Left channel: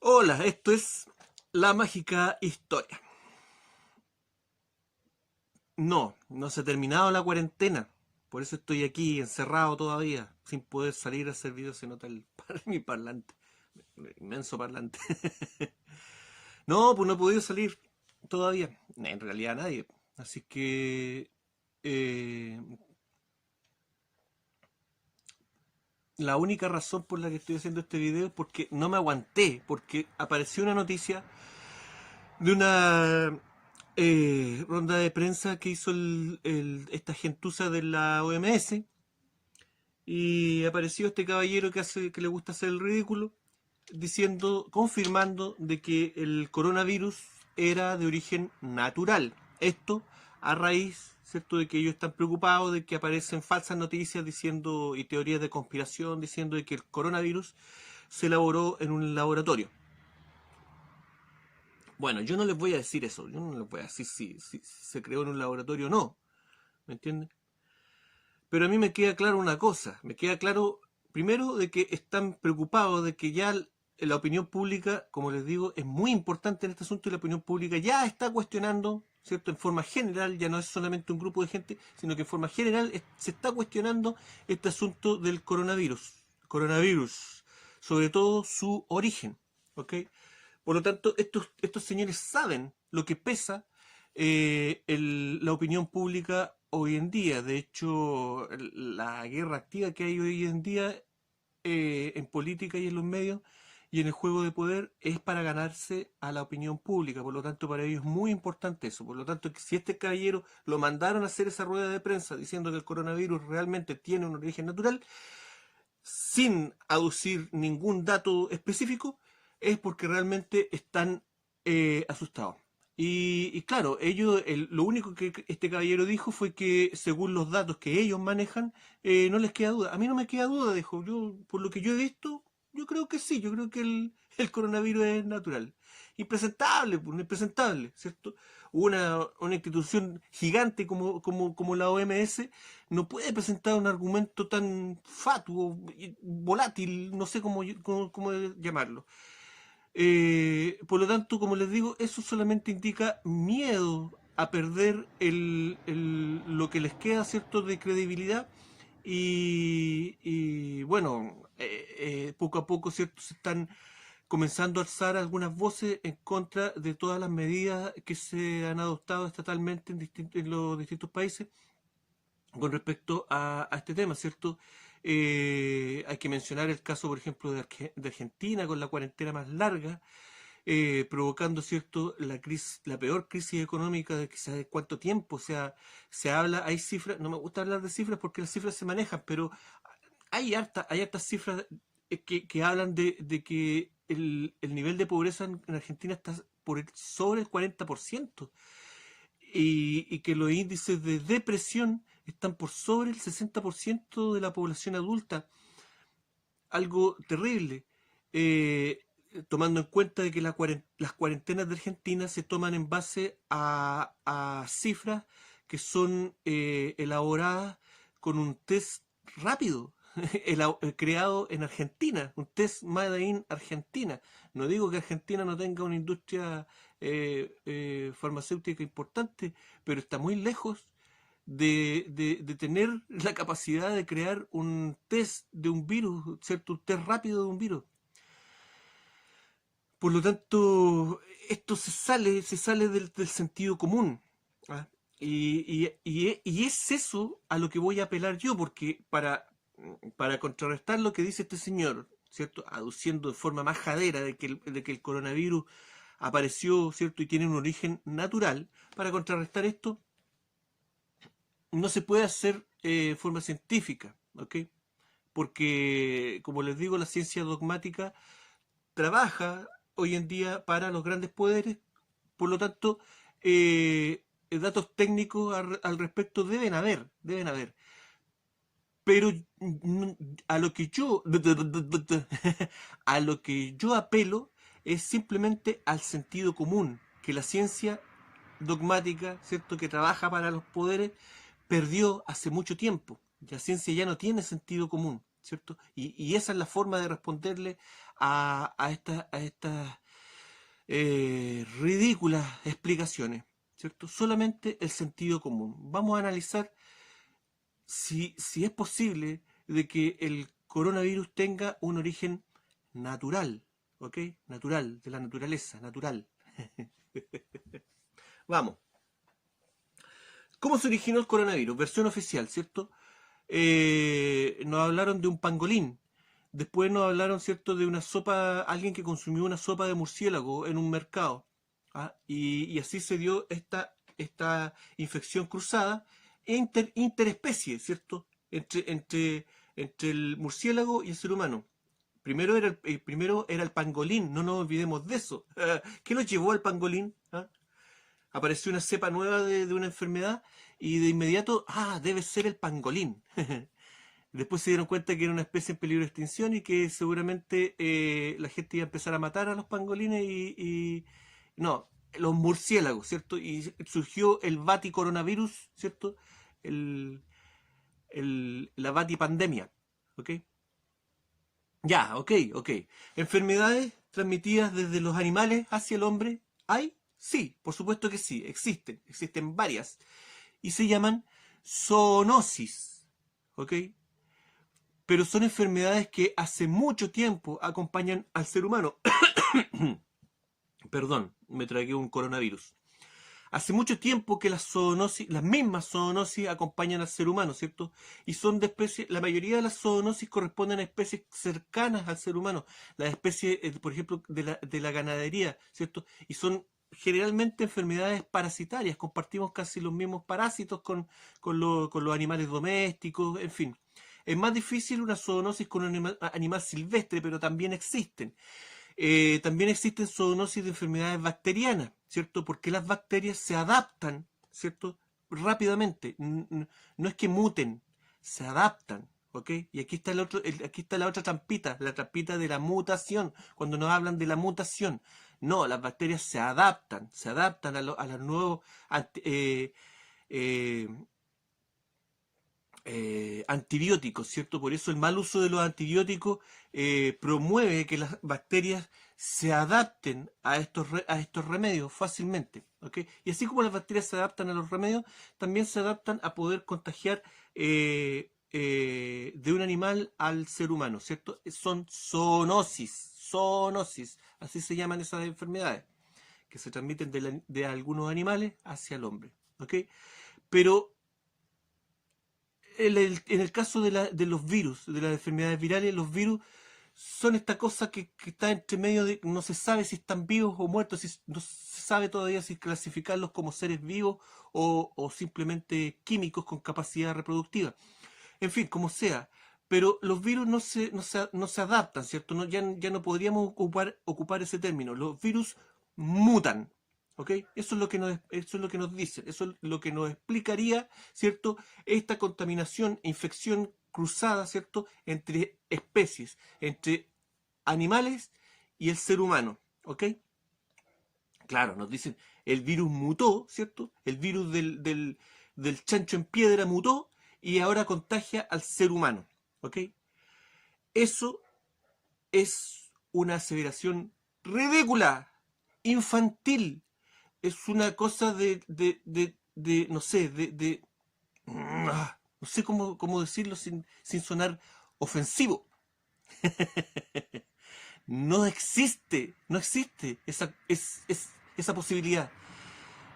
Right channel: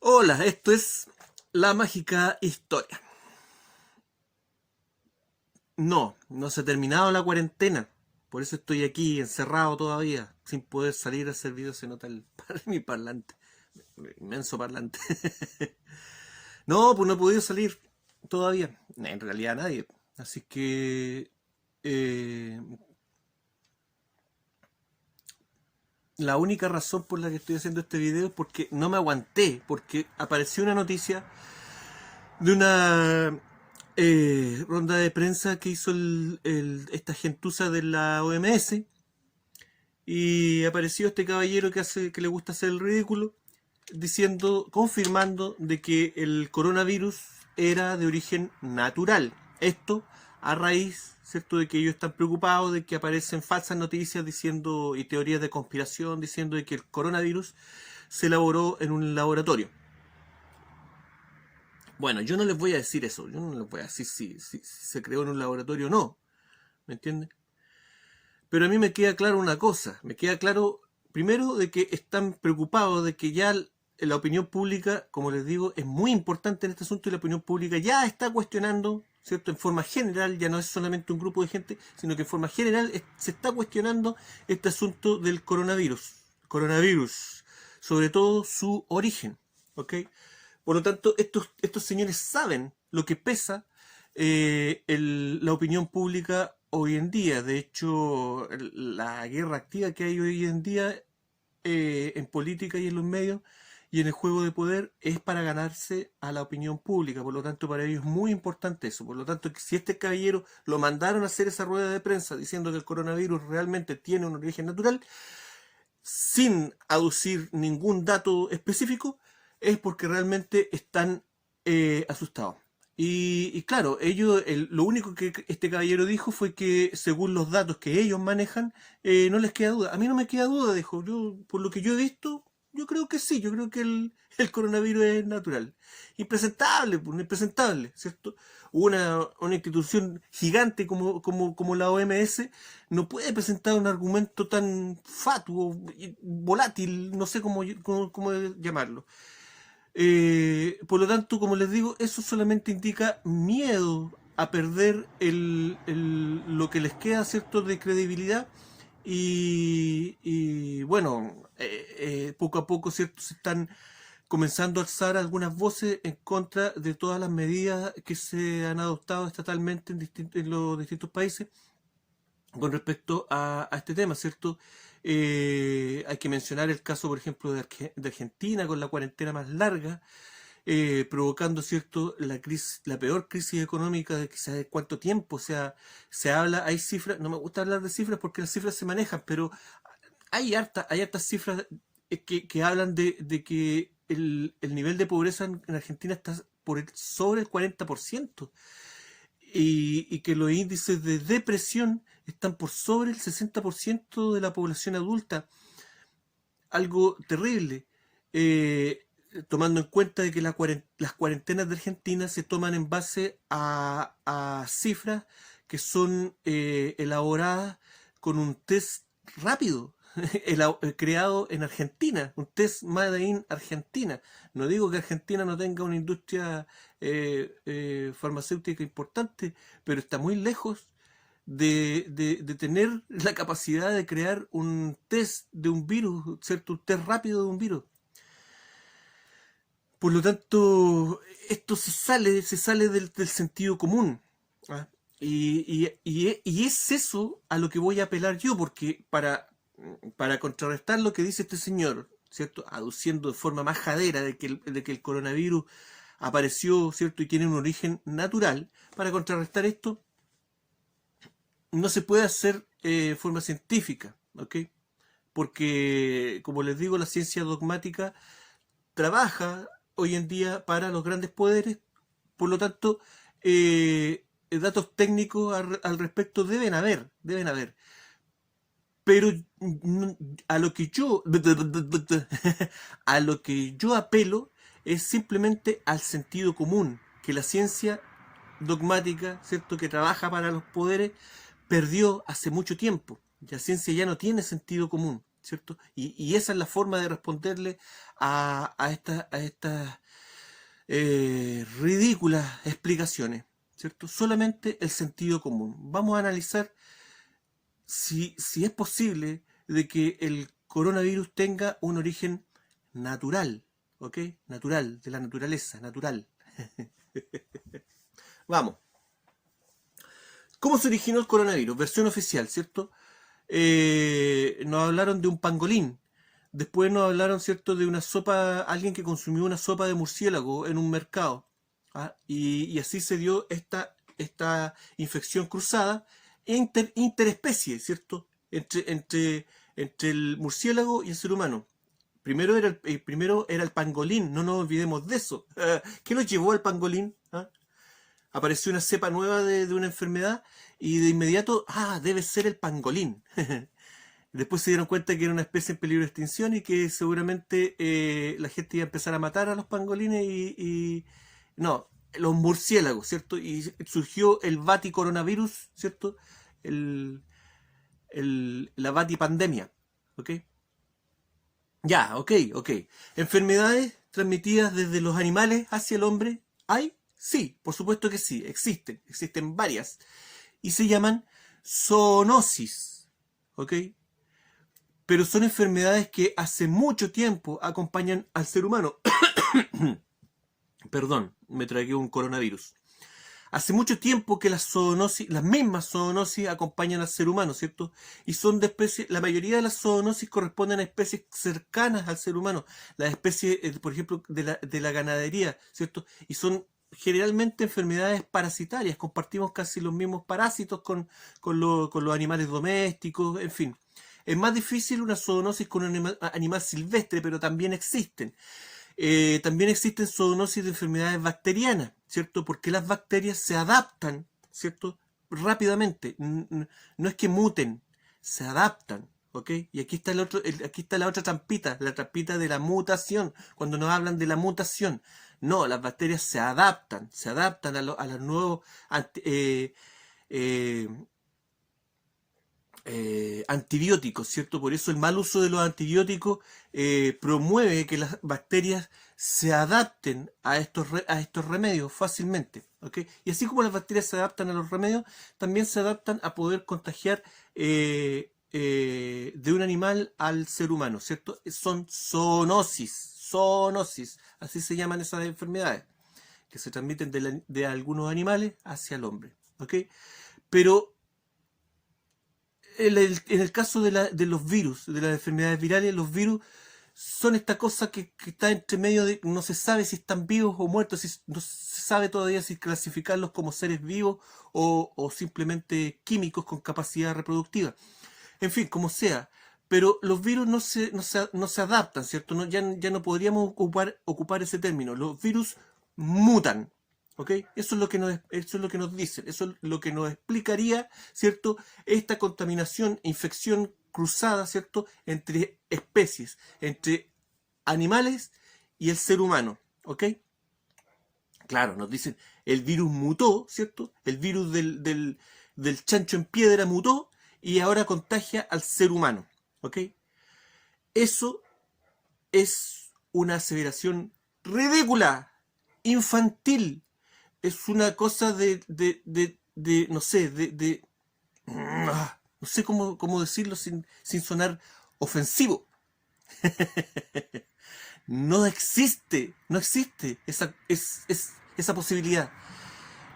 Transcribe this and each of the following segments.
Hola, esto es La Mágica Historia. No se ha terminado la cuarentena. Por eso estoy aquí encerrado todavía, sin poder salir a hacer videos. Se nota mi parlante, inmenso parlante. No, pues no he podido salir todavía. En realidad nadie. Así que eh, la única razón por la que estoy haciendo este video es porque no me aguanté, porque apareció una noticia de una ronda de prensa que hizo esta gentuza de la OMS, y apareció este caballero que le gusta hacer el ridículo, diciendo, confirmando de que el coronavirus era de origen natural. Esto a raíz, ¿cierto?, de que ellos están preocupados de que aparecen falsas noticias diciendo y teorías de conspiración diciendo de que el coronavirus se elaboró en un laboratorio. Bueno, yo no les voy a decir eso, yo no les voy a decir si se creó en un laboratorio o no, ¿me entiendes? Pero a mí me queda claro una cosa, me queda claro primero de que están preocupados de que ya la opinión pública, como les digo, es muy importante en este asunto, y la opinión pública ya está cuestionando, ¿cierto? En forma general, ya no es solamente un grupo de gente, sino que en forma general se está cuestionando este asunto del coronavirus, sobre todo su origen, ¿ok? Por lo tanto, estos señores saben lo que pesa la opinión pública hoy en día. De hecho, la guerra activa que hay hoy en día en política y en los medios y en el juego de poder es para ganarse a la opinión pública. Por lo tanto, para ellos es muy importante eso. Por lo tanto, si este caballero lo mandaron a hacer esa rueda de prensa diciendo que el coronavirus realmente tiene un origen natural, sin aducir ningún dato específico, es porque realmente están asustados. Y claro, lo único que este caballero dijo fue que según los datos que ellos manejan, no les queda duda. A mí no me queda duda, dijo. Yo, por lo que yo he visto, yo creo que sí, yo creo que el coronavirus es natural. Impresentable, pues, impresentable, ¿cierto? Una institución gigante como la OMS no puede presentar un argumento tan fatuo, volátil, no sé cómo llamarlo. Por lo tanto, como les digo, eso solamente indica miedo a perder lo que les queda, ¿cierto?, de credibilidad. Y bueno, poco a poco, ¿cierto?, se están comenzando a alzar algunas voces en contra de todas las medidas que se han adoptado estatalmente en los distintos países con respecto a este tema, ¿cierto? Hay que mencionar el caso, por ejemplo, de Argentina, con la cuarentena más larga, provocando, ¿cierto?, la peor crisis económica de quizás de cuánto tiempo. O sea, se habla, hay cifras, no me gusta hablar de cifras porque las cifras se manejan, pero hay hartas cifras que hablan de que el nivel de pobreza en Argentina está sobre el 40%, y que los índices de depresión están por sobre el 60% de la población adulta. Algo terrible, tomando en cuenta de que las cuarentenas de Argentina se toman en base a cifras que son elaboradas con un test rápido, creado en Argentina, un test made in Argentina. No digo que Argentina no tenga una industria farmacéutica importante, pero está muy lejos de tener la capacidad de crear un test de un virus, ¿cierto? Un test rápido de un virus. Por lo tanto, esto se sale del sentido común. ¿Ah? Y es eso a lo que voy a apelar yo, porque para contrarrestar lo que dice este señor, ¿cierto?, aduciendo de forma majadera de que el coronavirus apareció, ¿cierto?, y tiene un origen natural, para contrarrestar esto no se puede hacer de forma científica, ¿ok? Porque, como les digo, la ciencia dogmática trabaja hoy en día para los grandes poderes. Por lo tanto, datos técnicos al respecto deben haber. Pero a lo que yo a lo que yo apelo es simplemente al sentido común, que la ciencia dogmática, ¿cierto?, que trabaja para los poderes, perdió hace mucho tiempo. La ciencia ya no tiene sentido común, ¿cierto? Y esa es la forma de responderle a estas ridículas explicaciones, ¿cierto? Solamente el sentido común. Vamos a analizar si es posible de que el coronavirus tenga un origen natural, ¿ok? Natural, de la naturaleza, natural. Vamos. ¿Cómo se originó el coronavirus? Versión oficial, ¿cierto? Nos hablaron de un pangolín. Después nos hablaron, ¿cierto?, de una sopa, alguien que consumió una sopa de murciélago en un mercado. ¿Ah? Y así se dio esta infección cruzada interespecie, ¿cierto?, entre el murciélago y el ser humano. Primero era el pangolín, no nos olvidemos de eso. ¿Qué nos llevó al pangolín? ¿Ah? Apareció una cepa nueva de una enfermedad y de inmediato, debe ser el pangolín. Después se dieron cuenta que era una especie en peligro de extinción y que seguramente la gente iba a empezar a matar a los pangolines no, los murciélagos, ¿cierto? Y surgió el baticoronavirus, ¿cierto? La batipandemia, ¿ok? Ya, ok. ¿Enfermedades transmitidas desde los animales hacia el hombre? ¿Hay? Sí, por supuesto que sí, existen varias. Y se llaman zoonosis, ¿ok? Pero son enfermedades que hace mucho tiempo acompañan al ser humano. Perdón, me tragué un coronavirus. Hace mucho tiempo que las mismas zoonosis acompañan al ser humano, ¿cierto? Y son de especies, la mayoría de las zoonosis corresponden a especies cercanas al ser humano, las especies, por ejemplo, de la ganadería, ¿cierto? Y son generalmente enfermedades parasitarias, compartimos casi los mismos parásitos con los animales domésticos, en fin. Es más difícil una zoonosis con un animal silvestre, pero también existen. También existen zoonosis de enfermedades bacterianas, ¿cierto? Porque las bacterias se adaptan, ¿cierto? Rápidamente. No es que muten, se adaptan, ¿ok? Y aquí está aquí está la otra trampita, la trampita de la mutación, cuando nos hablan de la mutación. No, las bacterias se adaptan a los nuevos antibióticos, ¿cierto? Por eso el mal uso de los antibióticos promueve que las bacterias se adapten a estos remedios fácilmente, ¿ok? Y así como las bacterias se adaptan a los remedios, también se adaptan a poder contagiar de un animal al ser humano, ¿cierto? Son zoonosis, así se llaman esas enfermedades, que se transmiten de algunos animales hacia el hombre, ¿ok? Pero en el caso de los virus, de las enfermedades virales, los virus son esta cosa que está entre medio de, no se sabe si están vivos o muertos, no se sabe todavía si clasificarlos como seres vivos o simplemente químicos con capacidad reproductiva. En fin, como sea. Pero los virus no se adaptan, ¿cierto? Ya no podríamos ocupar ese término. Los virus mutan. ¿Ok? Eso es lo que nos dicen, eso es lo que nos explicaría, ¿cierto? Esta contaminación, infección cruzada, ¿cierto? Entre especies, entre animales y el ser humano, ¿ok? Claro, nos dicen, el virus mutó, ¿cierto? El virus del chancho en piedra mutó y ahora contagia al ser humano, ¿ok? Eso es una aseveración ridícula, infantil, es una cosa no sé, no sé cómo decirlo sin sonar ofensivo. No existe esa posibilidad.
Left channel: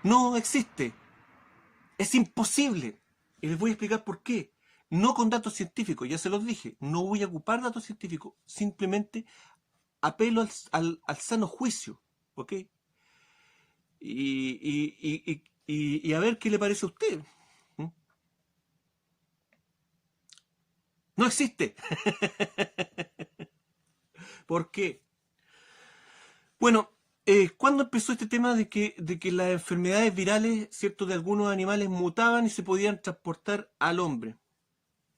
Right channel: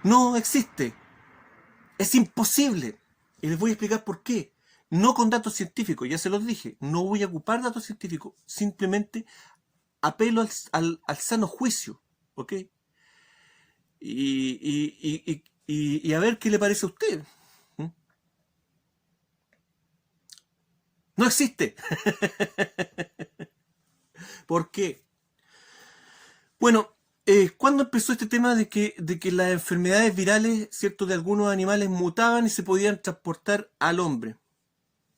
No existe. Es imposible. Y les voy a explicar por qué. No con datos científicos, ya se los dije. No voy a ocupar datos científicos. Simplemente apelo al sano juicio. ¿Ok? Y a ver qué le parece a usted. ¿Mm? No existe. ¿Por qué? Bueno, ¿cuándo empezó este tema de que las enfermedades virales, ¿cierto?, de algunos animales mutaban y se podían transportar al hombre?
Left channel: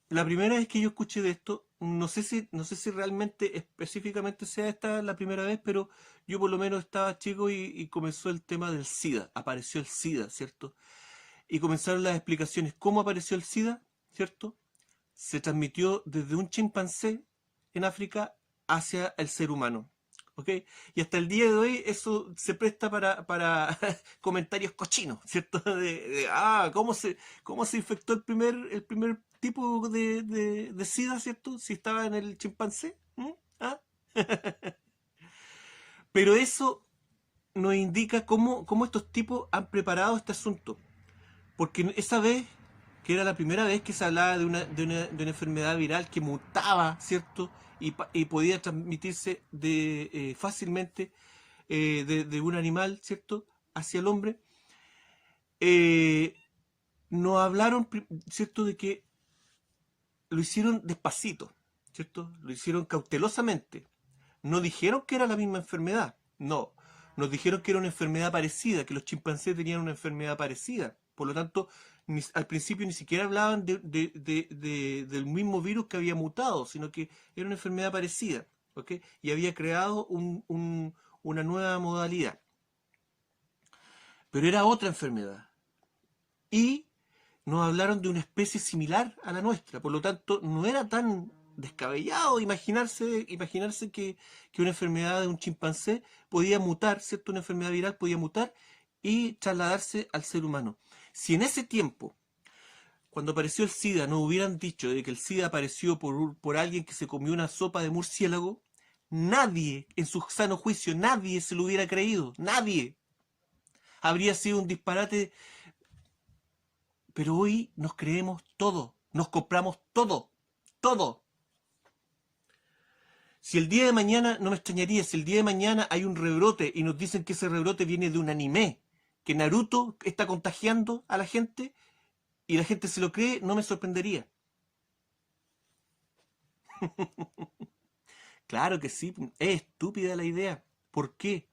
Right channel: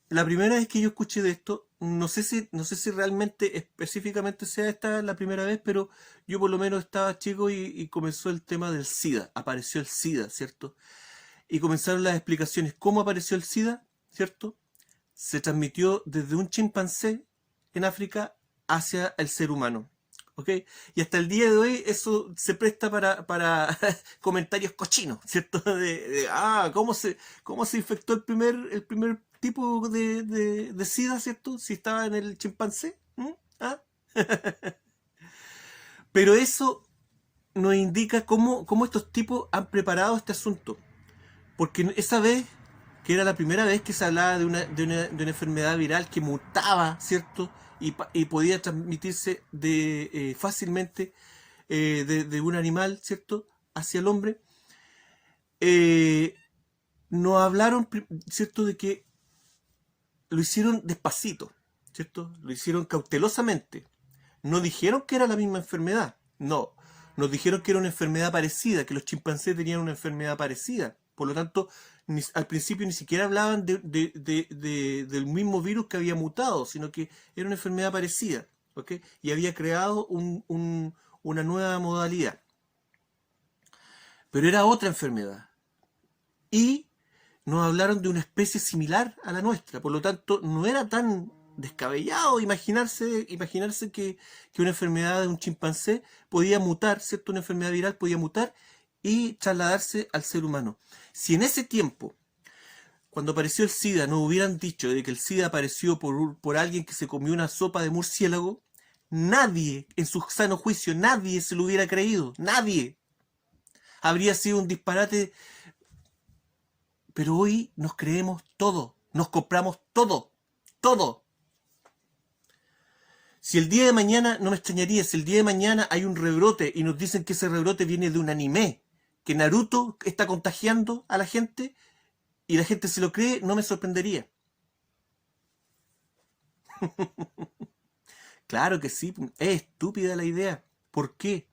La primera vez que yo escuché de esto, no sé si realmente específicamente sea esta la primera vez, pero yo por lo menos estaba chico y comenzó el tema del SIDA. Apareció el SIDA, ¿cierto? Y comenzaron las explicaciones. ¿Cómo apareció el SIDA? ¿Cierto? se transmitió desde un chimpancé en África hacia el ser humano. ¿Ok? Y hasta el día de hoy eso se presta para comentarios cochinos, ¿cierto? ¿Cómo se infectó el primer tipo de SIDA, ¿cierto? Si estaba en el chimpancé. ¿Ah? Pero eso nos indica cómo estos tipos han preparado este asunto. Porque esa vez, que era la primera vez que se hablaba de una enfermedad viral que mutaba, ¿cierto? Y podía transmitirse fácilmente de un animal, ¿cierto? Hacia el hombre. Nos hablaron, ¿cierto? De que lo hicieron despacito, ¿cierto? Lo hicieron cautelosamente. No dijeron que era la misma enfermedad, no. Nos dijeron que era una enfermedad parecida, que los chimpancés tenían una enfermedad parecida. Por lo tanto, al principio ni siquiera hablaban del mismo virus que había mutado, sino que era una enfermedad parecida, ¿ok? Y había creado una nueva modalidad. Pero era otra enfermedad. Y nos hablaron de una especie similar a la nuestra. Por lo tanto, no era tan descabellado imaginarse que una enfermedad de un chimpancé podía mutar, ¿cierto? Una enfermedad viral podía mutar y trasladarse al ser humano. Si en ese tiempo, cuando apareció el SIDA, nos hubieran dicho de que el SIDA apareció por alguien que se comió una sopa de murciélago, nadie, en su sano juicio, nadie se lo hubiera creído. Nadie. Habría sido un disparate. Pero hoy nos creemos todo, nos compramos todo, todo. Si el día de mañana, no me extrañaría, si el día de mañana hay un rebrote y nos dicen que ese rebrote viene de un anime, que Naruto está contagiando a la gente y la gente se lo cree, no me sorprendería. Claro que sí, es estúpida la idea. ¿Por qué?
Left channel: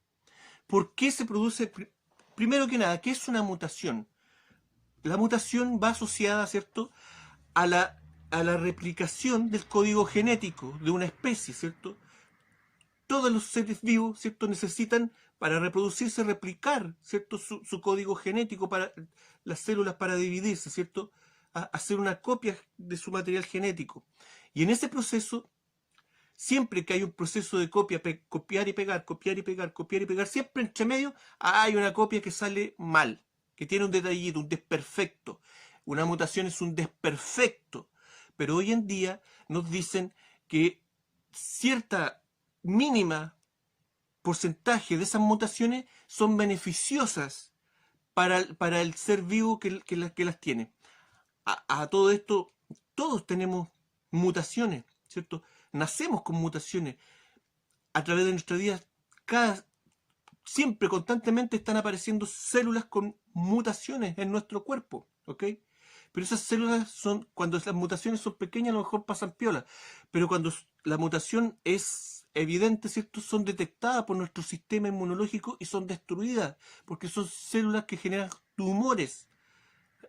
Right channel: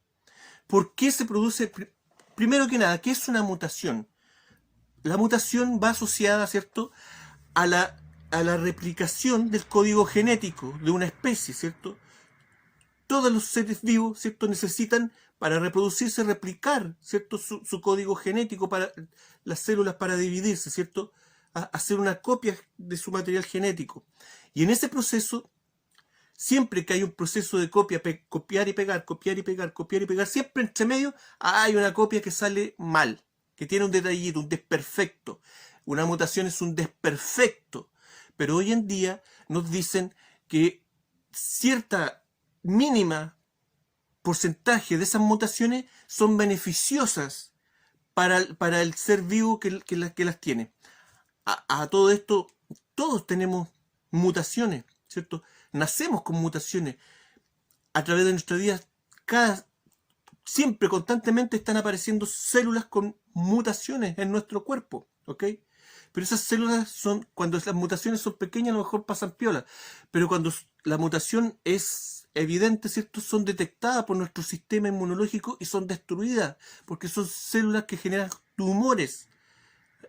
¿Por qué se produce? Primero que nada, ¿qué es una mutación? La mutación va asociada, ¿cierto?, a la replicación del código genético de una especie, ¿cierto? Todos los seres vivos, ¿cierto?, necesitan para reproducirse, replicar, ¿cierto?, su código genético para las células para dividirse, ¿cierto?, hacer una copia de su material genético. Y en ese proceso, siempre que hay un proceso de copiar y pegar, copiar y pegar, copiar y pegar, siempre entre medio hay una copia que sale mal, que tiene un detallito, un desperfecto. Una mutación es un desperfecto. Pero hoy en día nos dicen que cierta mínima porcentaje de esas mutaciones son beneficiosas para el ser vivo que las tiene. A todo esto, todos tenemos mutaciones, ¿cierto? Nacemos con mutaciones. A través de nuestra vida, siempre, constantemente están apareciendo células con mutaciones en nuestro cuerpo, ¿ok? Pero esas células cuando las mutaciones son pequeñas, a lo mejor pasan piola. Pero cuando la mutación es evidente, ¿cierto?, son detectadas por nuestro sistema inmunológico y son destruidas, porque son células que generan tumores,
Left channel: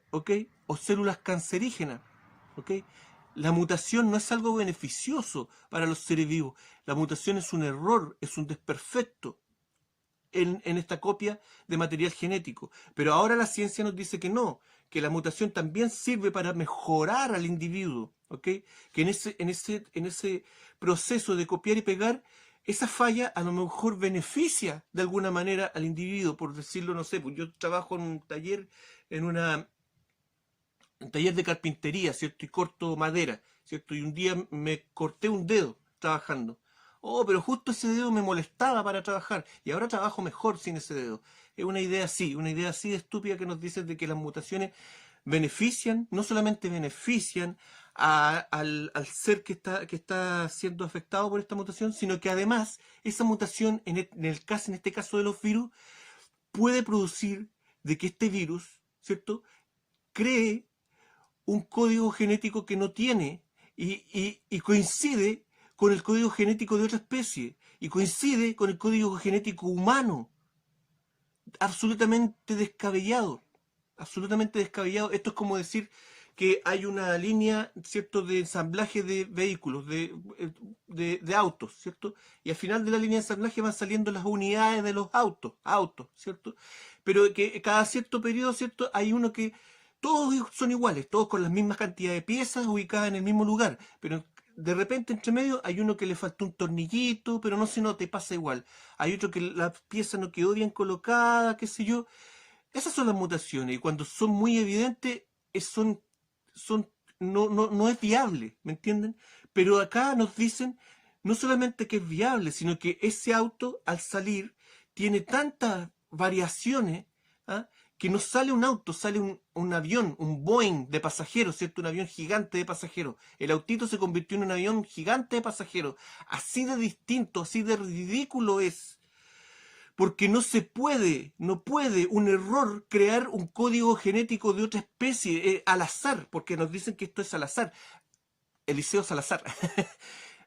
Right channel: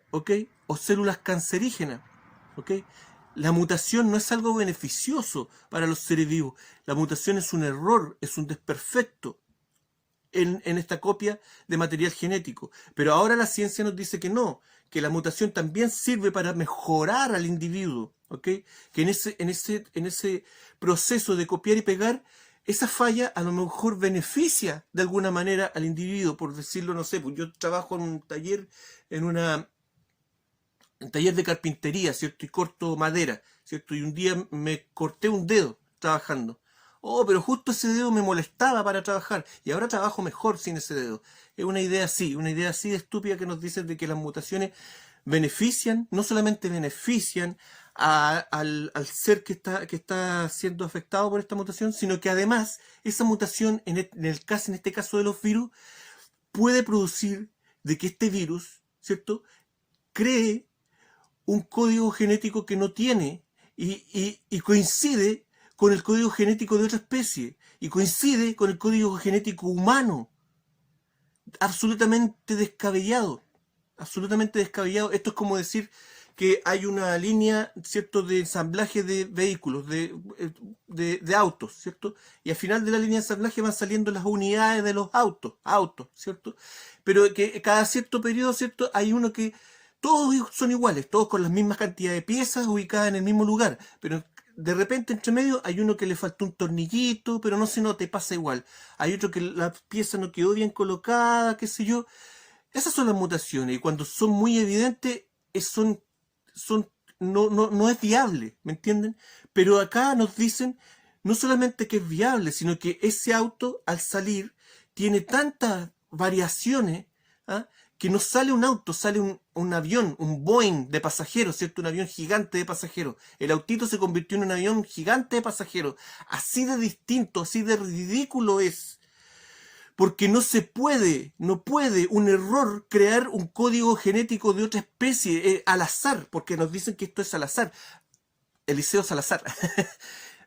¿ok? O células cancerígenas, ¿ok? La mutación no es algo beneficioso para los seres vivos. La mutación es un error, es un desperfecto en esta copia de material genético. Pero ahora la ciencia nos dice que no, que la mutación también sirve para mejorar al individuo, ¿ok? Que en ese proceso de copiar y pegar, esa falla a lo mejor beneficia de alguna manera al individuo, por decirlo, no sé, pues yo trabajo en un taller, un taller de carpintería, ¿cierto? Y corto madera, ¿cierto? Y un día me corté un dedo trabajando. Oh, pero justo ese dedo me molestaba para trabajar y ahora trabajo mejor sin ese dedo. Es una idea así de estúpida que nos dicen de que las mutaciones benefician, no solamente benefician al ser que está siendo afectado por esta mutación, sino que además esa mutación, en este caso de los virus, puede producir de que este virus, ¿cierto?, cree un código genético que no tiene y coincide con el código genético de otra especie y coincide con el código genético humano. Absolutamente descabellado. Absolutamente descabellado. Esto es como decir que hay una línea, ¿cierto?, de ensamblaje de vehículos, de autos, ¿cierto? Y al final de la línea de ensamblaje van saliendo las unidades de los autos, ¿cierto? Pero que cada cierto periodo, ¿cierto?, hay uno que todos son iguales, todos con las mismas cantidades de piezas ubicadas en el mismo lugar, pero de repente entre medio hay uno que le faltó un tornillito, pero no se nota, pasa igual. Hay otro que la pieza no quedó bien colocada, qué sé yo. Esas son las mutaciones, y cuando son muy evidentes, son, no es viable, ¿me entienden? Pero acá nos dicen no solamente que es viable, sino que ese auto al salir tiene tantas variaciones, ¿ah? Que no sale un auto, sale un avión, un Boeing de pasajeros, ¿cierto? Un avión gigante de pasajeros. El autito se convirtió en un avión gigante de pasajeros. Así de distinto, así de ridículo es. Porque no puede un error crear un código genético de otra especie al azar, porque nos dicen que esto es al azar. Eliseo Salazar.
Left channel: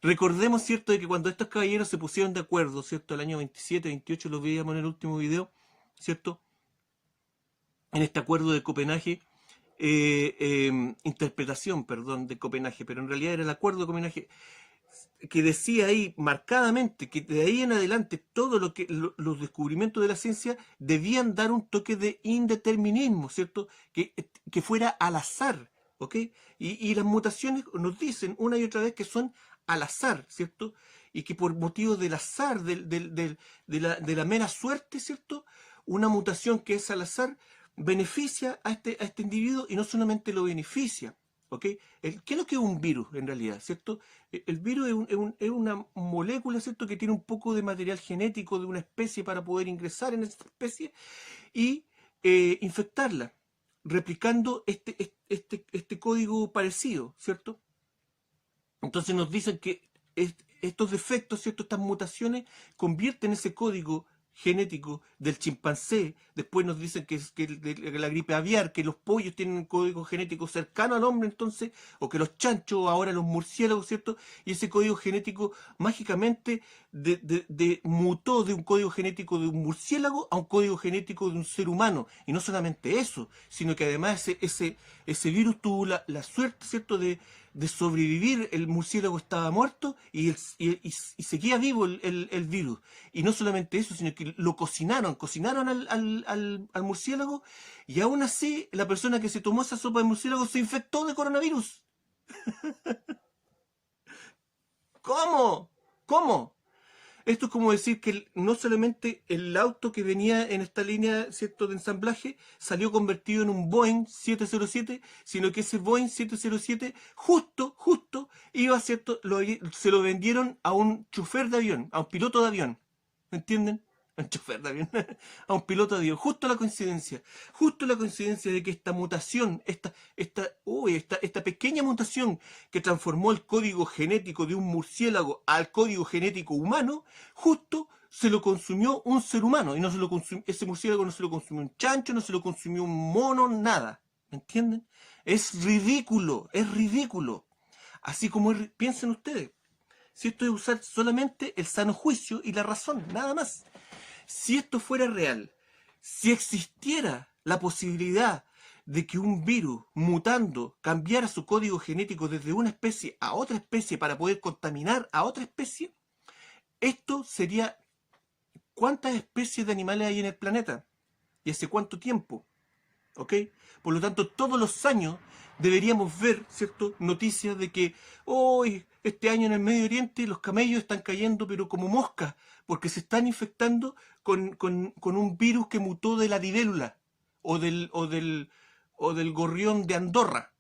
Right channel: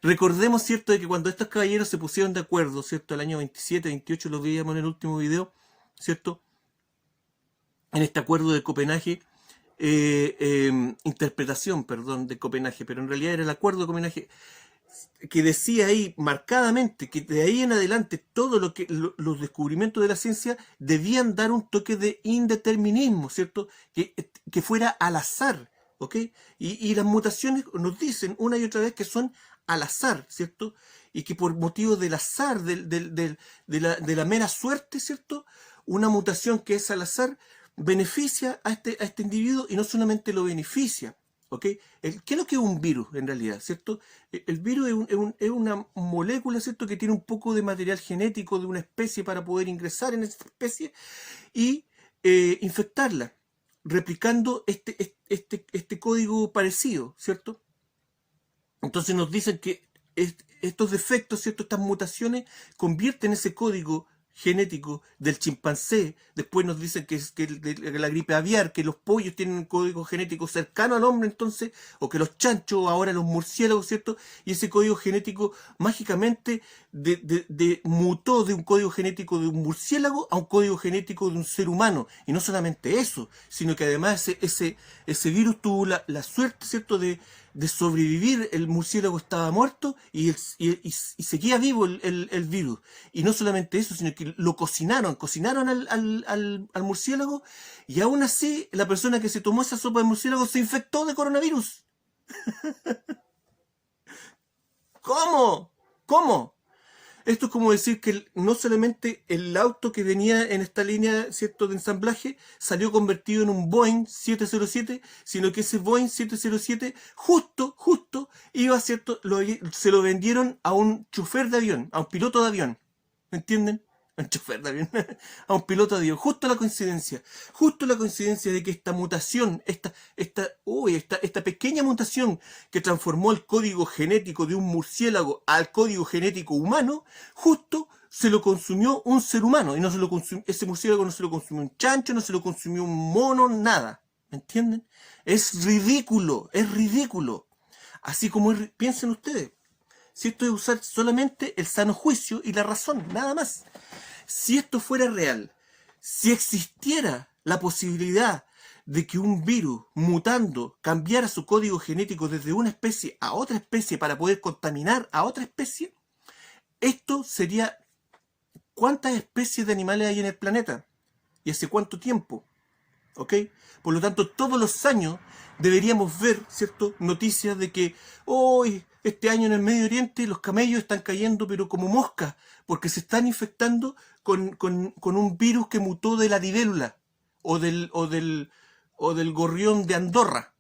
Recordemos, ¿cierto?, de que cuando estos caballeros se pusieron de acuerdo, ¿cierto?, el año 27, 28, lo veíamos en el último video, ¿cierto?, en este acuerdo de Copenhague, interpretación, perdón, de Copenhague, pero en realidad era el acuerdo de Copenhague, que decía ahí marcadamente que de ahí en adelante todo los descubrimientos de la ciencia debían dar un toque de indeterminismo, ¿cierto? Que fuera al azar, ¿ok? Y las mutaciones nos dicen una y otra vez que son al azar, ¿cierto? Y que por motivo del azar, de la mera suerte, ¿cierto? Una mutación que es al azar beneficia a este individuo, y no solamente lo beneficia, ¿ok? ¿Qué es lo que es un virus en realidad, ¿cierto? El virus es una molécula, ¿cierto?, que tiene un poco de material genético de una especie para poder ingresar en esa especie y infectarla, replicando este código parecido, ¿cierto? Entonces nos dicen que estos defectos, ¿cierto?, estas mutaciones convierten ese código genético del chimpancé. Después nos dicen que la gripe aviar, que los pollos tienen un código genético cercano al hombre, entonces, o que los chanchos, ahora los murciélagos, ¿cierto? Y ese código genético mágicamente mutó de un código genético de un murciélago a un código genético de un ser humano. Y no solamente eso, sino que además ese virus tuvo la suerte, ¿cierto?, de sobrevivir. El murciélago estaba muerto y seguía vivo el virus. Y no solamente eso, sino que lo cocinaron al murciélago, y aún así la persona que se tomó esa sopa de murciélago se infectó de coronavirus. ¿Cómo? ¿Cómo? Esto es como decir que no solamente el auto que venía en esta línea, ¿cierto?, de ensamblaje salió convertido en un Boeing 707, sino que ese Boeing 707 justo iba, ¿cierto?, se lo vendieron a un chofer de avión, a un piloto de avión. ¿Me entienden? A un chofer de avión, a un piloto de avión. Justo la coincidencia de que esta mutación, esta pequeña mutación que transformó el código genético de un murciélago al código genético humano, justo se lo consumió un ser humano. Y no se lo consumió, ese murciélago no se lo consumió un chancho, no se lo consumió un mono, nada. ¿Me entienden? Es ridículo, es ridículo. Así como piensen ustedes. Si esto es usar solamente el sano juicio y la razón, nada más. Si esto fuera real, si existiera la posibilidad de que un virus mutando cambiara su código genético desde una especie a otra especie para poder contaminar a otra especie, esto sería cuántas especies de animales hay en el planeta y hace cuánto tiempo, ¿ok? Por lo tanto, todos los años deberíamos ver, ¿cierto?, noticias de que hoy, este año en el Medio Oriente, los camellos están cayendo pero como moscas, porque se están infectando con un virus que mutó de la libélula o del gorrión de Andorra.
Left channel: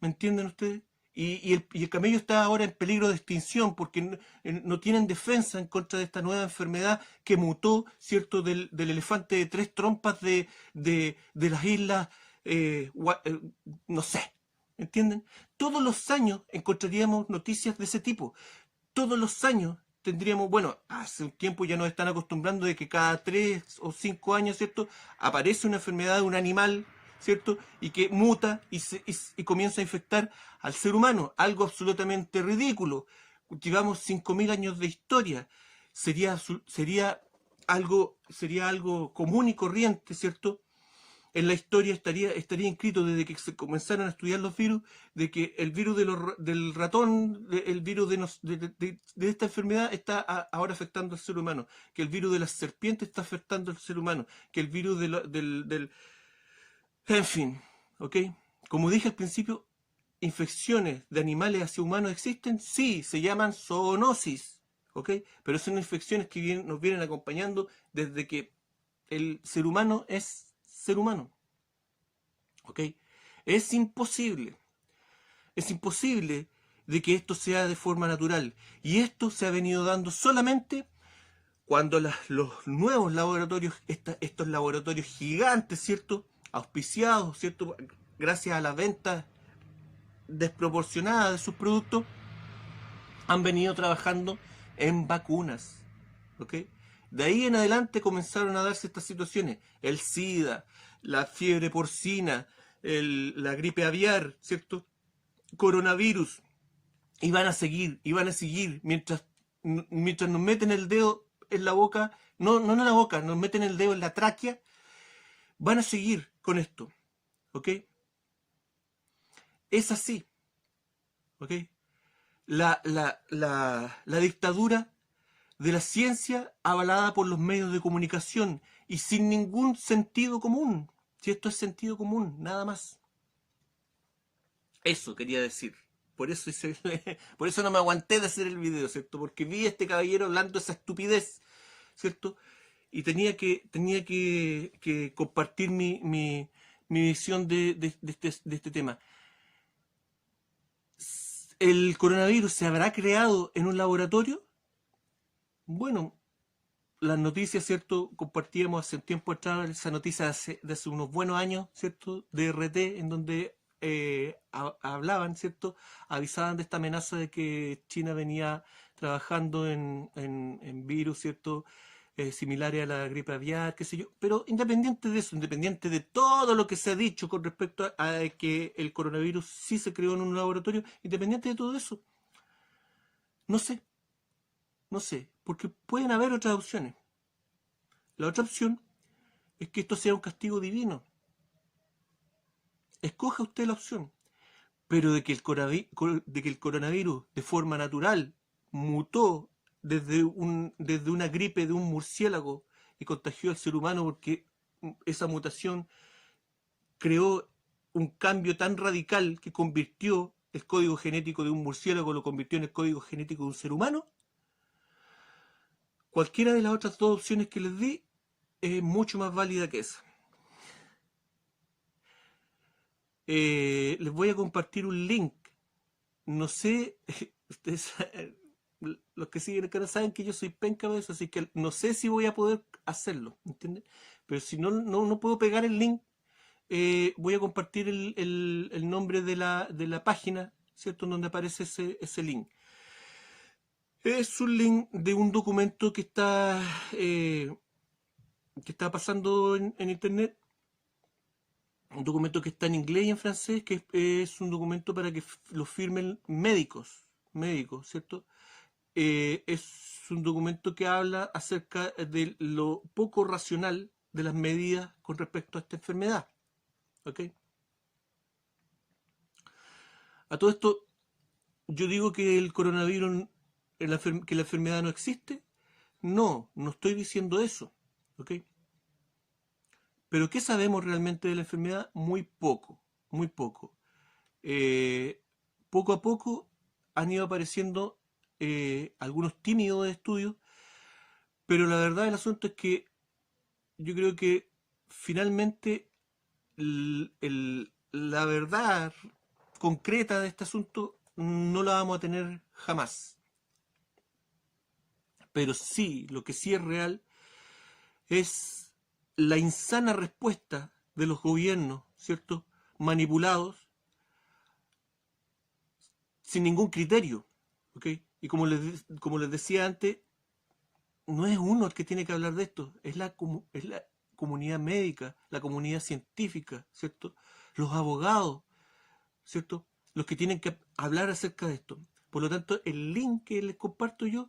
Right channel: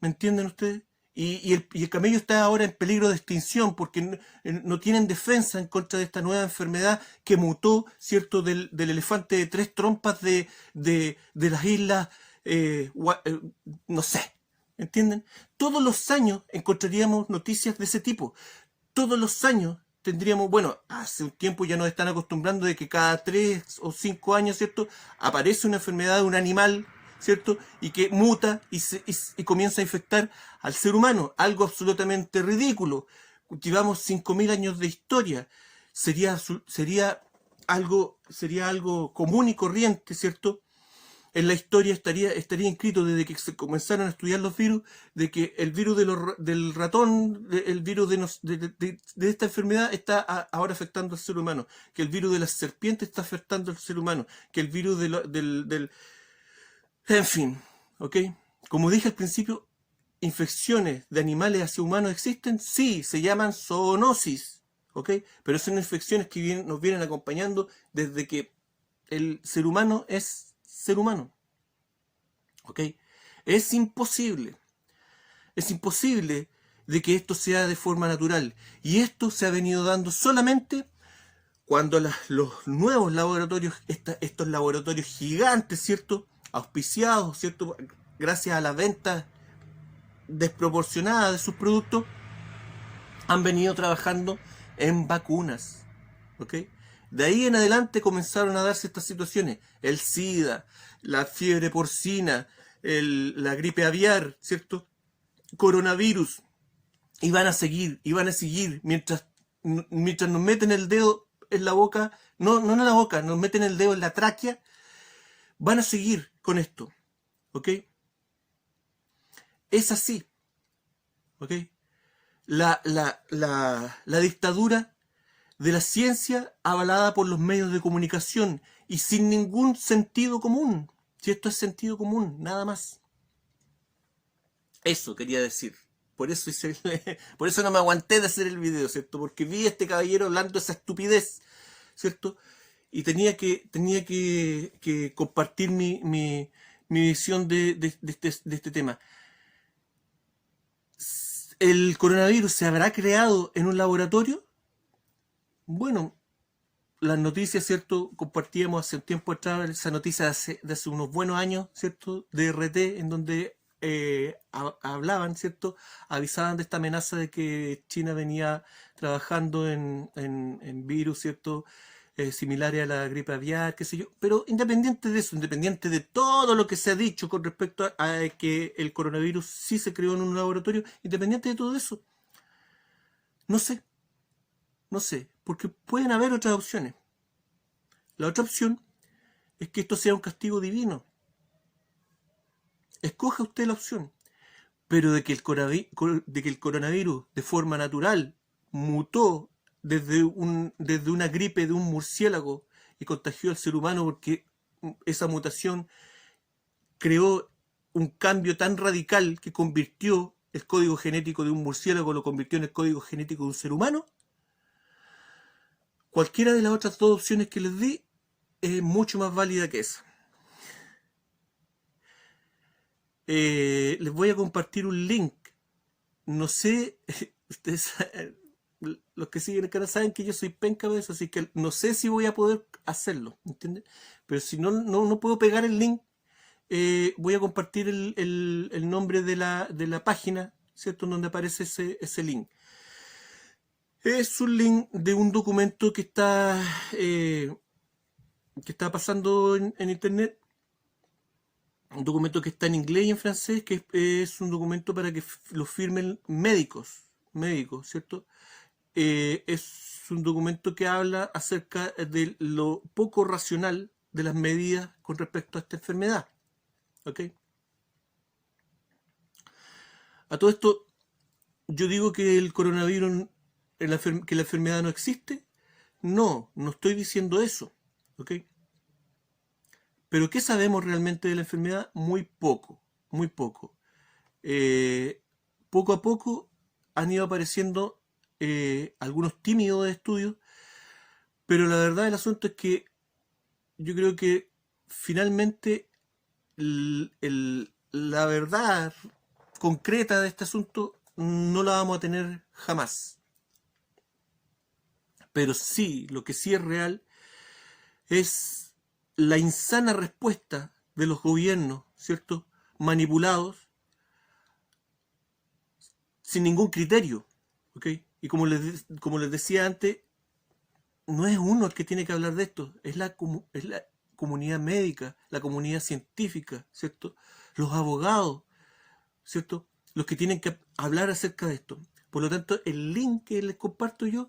¿Me entienden ustedes? Y el camello está ahora en peligro de extinción porque no tienen defensa en contra de esta nueva enfermedad que mutó, ¿cierto?, del elefante de tres trompas de las islas, no sé, ¿entienden? Todos los años encontraríamos noticias de ese tipo. Todos los años tendríamos, bueno, hace un tiempo ya nos están acostumbrando de que cada 3 o 5 años, ¿cierto?, aparece una enfermedad de un animal, ¿cierto?, y que muta y comienza a infectar al ser humano. Algo absolutamente ridículo. Llevamos 5.000 años de historia. Sería algo común y corriente, ¿cierto? En la historia estaría inscrito desde que se comenzaron a estudiar los virus, de que el virus del ratón, el virus de esta enfermedad está ahora afectando al ser humano, que el virus de las serpientes está afectando al ser humano, que el virus en fin, ¿ok? Como dije al principio, infecciones de animales hacia humanos existen, sí, se llaman zoonosis, ¿ok? Pero son infecciones que nos vienen acompañando desde que el ser humano es ser humano, ¿ok? Es imposible, es imposible de que esto sea de forma natural. Y esto se ha venido dando solamente cuando los nuevos laboratorios, estos laboratorios gigantes, ¿cierto? Auspiciados, ¿cierto? Gracias a la venta desproporcionada de sus productos, han venido trabajando en vacunas, ¿ok? De ahí en adelante comenzaron a darse estas situaciones, el SIDA, la fiebre porcina, la gripe aviar, ¿cierto? Coronavirus, y van a seguir, mientras nos meten el dedo en la boca, no en la boca, nos meten el dedo en la tráquea, van a seguir con esto, ¿ok? Es así, ¿ok? La dictadura de la ciencia avalada por los medios de comunicación y sin ningún sentido común. Si esto es sentido común, nada más. Eso quería decir. Por eso, por eso no me aguanté de hacer el video, ¿cierto? Porque vi a este caballero hablando esa estupidez, ¿cierto? Y tenía que compartir mi visión de este tema. ¿El coronavirus se habrá creado en un laboratorio? Bueno, las noticias, ¿cierto? Compartíamos hace un tiempo atrás esa noticia de hace unos buenos años, ¿cierto? De RT, en donde hablaban, ¿cierto? Avisaban de esta amenaza de que China venía trabajando en virus, ¿cierto? Similares a la gripe aviar, qué sé yo. Pero independiente de eso, independiente de todo lo que se ha dicho con respecto a que el coronavirus sí se creó en un laboratorio, independiente de todo eso, no sé, no sé, porque pueden haber otras opciones. La otra opción es que esto sea un castigo divino. Escoja usted la opción. Pero de que el coronavirus de forma natural mutó desde una gripe de un murciélago y contagió al ser humano porque esa mutación creó un cambio tan radical que convirtió el código genético de un murciélago, lo convirtió en el código genético de un ser humano. Cualquiera de las otras dos opciones que les di es mucho más válida que esa. Les voy a compartir un link. No sé, ustedes, los que siguen el canal saben que yo soy penca de eso, así que no sé si voy a poder hacerlo, ¿entiendes? Pero si no puedo pegar el link, voy a compartir el nombre de la página, ¿cierto? Donde aparece ese link. Es un link de un documento que está pasando en internet, un documento que está en inglés y en francés, que es un documento para que lo firmen médicos, ¿cierto? Es un documento que habla acerca de lo poco racional de las medidas con respecto a esta enfermedad, ¿ok? A todo esto, yo digo que el coronavirus, que la enfermedad no existe. No estoy diciendo eso, ¿ok? Pero ¿qué sabemos realmente de la enfermedad? Muy poco, muy poco. Eh, Poco a poco han ido apareciendo algunos tímidos estudios, pero la verdad del asunto es que yo creo que finalmente la verdad concreta de este asunto no la vamos a tener jamás. Pero sí, lo que sí es real es la insana respuesta de los gobiernos, ¿cierto? Manipulados sin ningún criterio, ¿ok? Y como les decía antes, no es uno el que tiene que hablar de esto, es la comunidad médica, la comunidad científica, ¿cierto? Los abogados, ¿cierto? Los que tienen que hablar acerca de esto. Por lo tanto, el link que les comparto yo,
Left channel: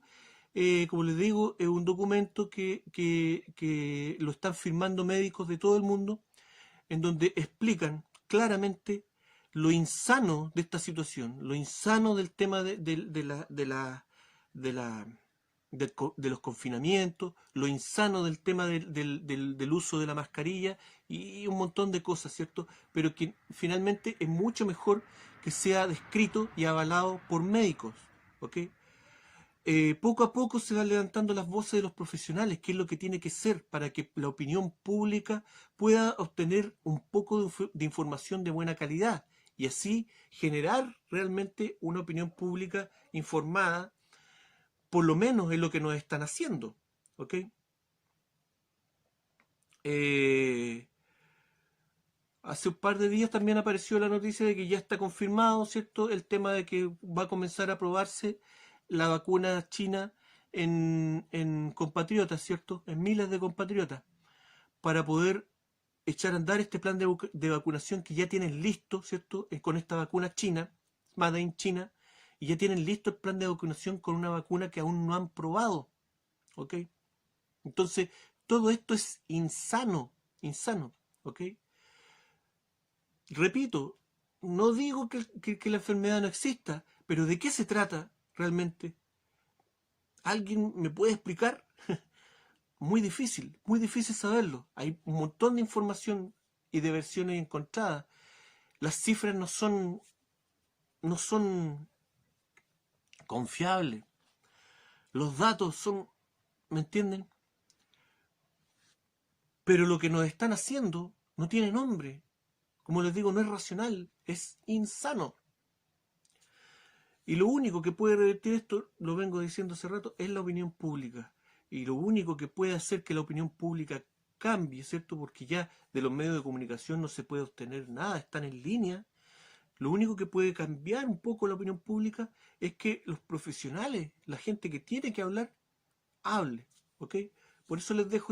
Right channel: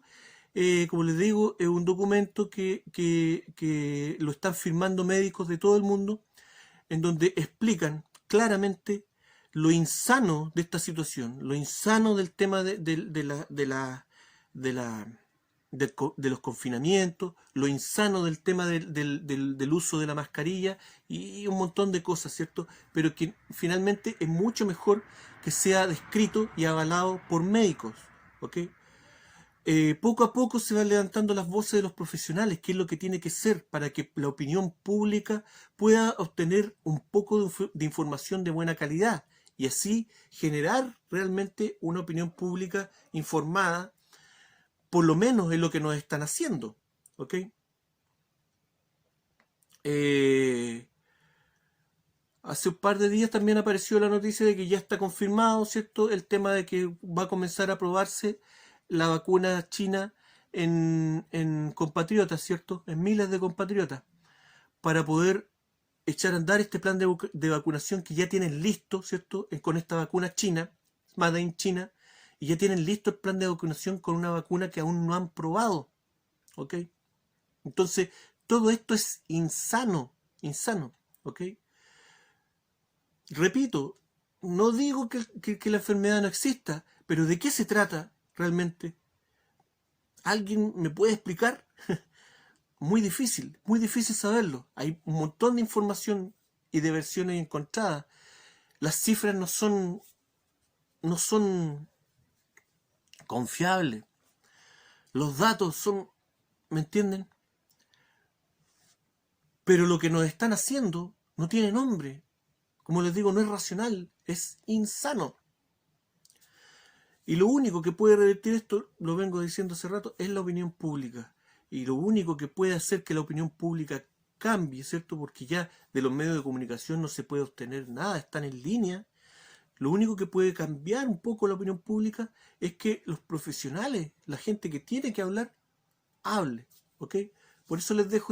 como les digo, es un documento que lo están firmando médicos de todo el mundo, en donde explican claramente lo insano de esta situación, lo insano del tema de la de los confinamientos, lo insano del tema del uso de la mascarilla y un montón de cosas, ¿cierto? Pero que finalmente es mucho mejor que sea descrito y avalado por médicos, ¿ok? Poco a poco se van levantando las voces de los profesionales, qué es lo que tiene que ser para que la opinión pública pueda obtener un poco de información de buena calidad y así generar realmente una opinión pública informada, por lo menos es lo que nos están haciendo, ¿ok? Hace un par de días también apareció la noticia de que ya está confirmado, ¿cierto?, el tema de que va a comenzar a probarse la vacuna china en compatriotas, ¿cierto?, en miles de compatriotas, para poder echar a andar este plan de vacunación que ya tienen listo, ¿cierto?, con esta vacuna china, Made in China, y ya tienen listo el plan de vacunación con una vacuna que aún no han probado, ¿ok? Entonces, todo esto es insano, ¿ok? Repito, no digo que la enfermedad no exista, pero ¿de qué se trata realmente? ¿Alguien me puede explicar? Muy difícil saberlo. Hay un montón de información y de versiones encontradas. Las cifras no son confiables. Los datos son, ¿me entienden? Pero lo que nos están haciendo no tiene nombre. Como les digo, no es racional, es insano. Y lo único que puede revertir esto, lo vengo diciendo hace rato, es la opinión pública. Y lo único que puede hacer que la opinión pública cambie, ¿cierto? Porque ya de los medios de comunicación no se puede obtener nada, están en línea. Lo único que puede cambiar un poco la opinión pública es que los profesionales, la gente que tiene que hablar, hable, ¿ok? Por eso les dejo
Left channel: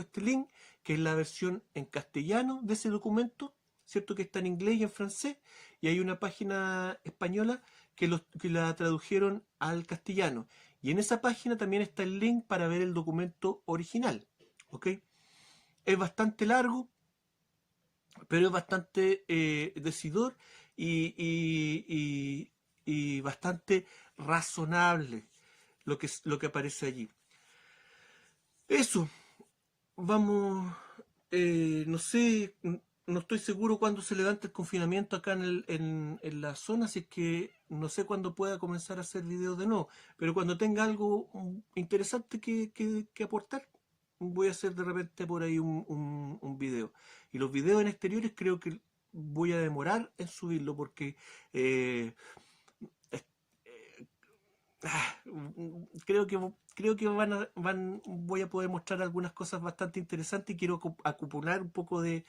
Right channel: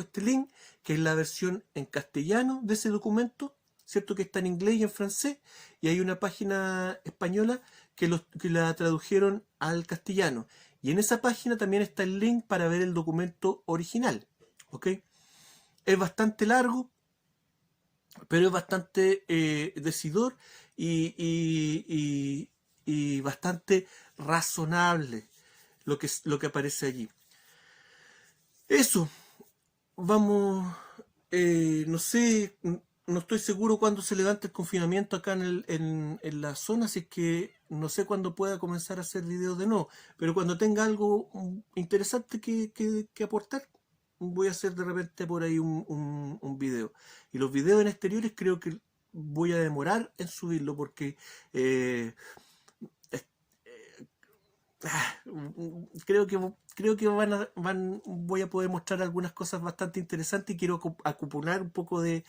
este link, que es la versión en castellano de ese documento, ¿cierto? Que está en inglés y en francés, y hay una página española que la tradujeron al castellano. Y en esa página también está el link para ver el documento original, ¿ok? Es bastante largo, pero es bastante decidor y bastante razonable lo que aparece allí. Eso, vamos, no sé, no estoy seguro cuándo se levanta el confinamiento acá en la zona, así que no sé cuándo pueda comenzar a hacer videos de nuevo, pero cuando tenga algo interesante que aportar, voy a hacer de repente por ahí un video. Y los videos en exteriores creo que voy a demorar en subirlo porque creo que voy a poder mostrar algunas cosas bastante interesantes y quiero acumular un poco de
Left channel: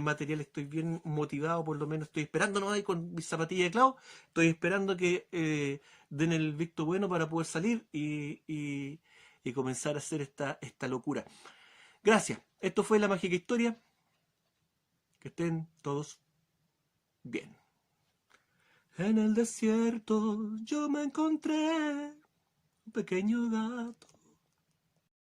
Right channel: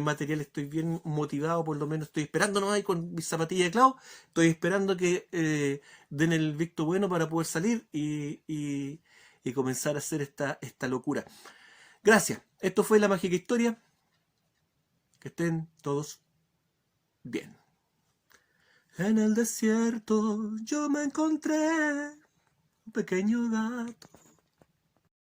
material. Estoy bien motivado, por lo menos estoy esperando, ¿no? Ahí con mis zapatillas de clavo, estoy esperando que den el visto bueno para poder salir y comenzar a hacer esta locura. Gracias. Esto fue La Mágica Historia. Que estén todos bien. En el desierto yo me encontré un pequeño gato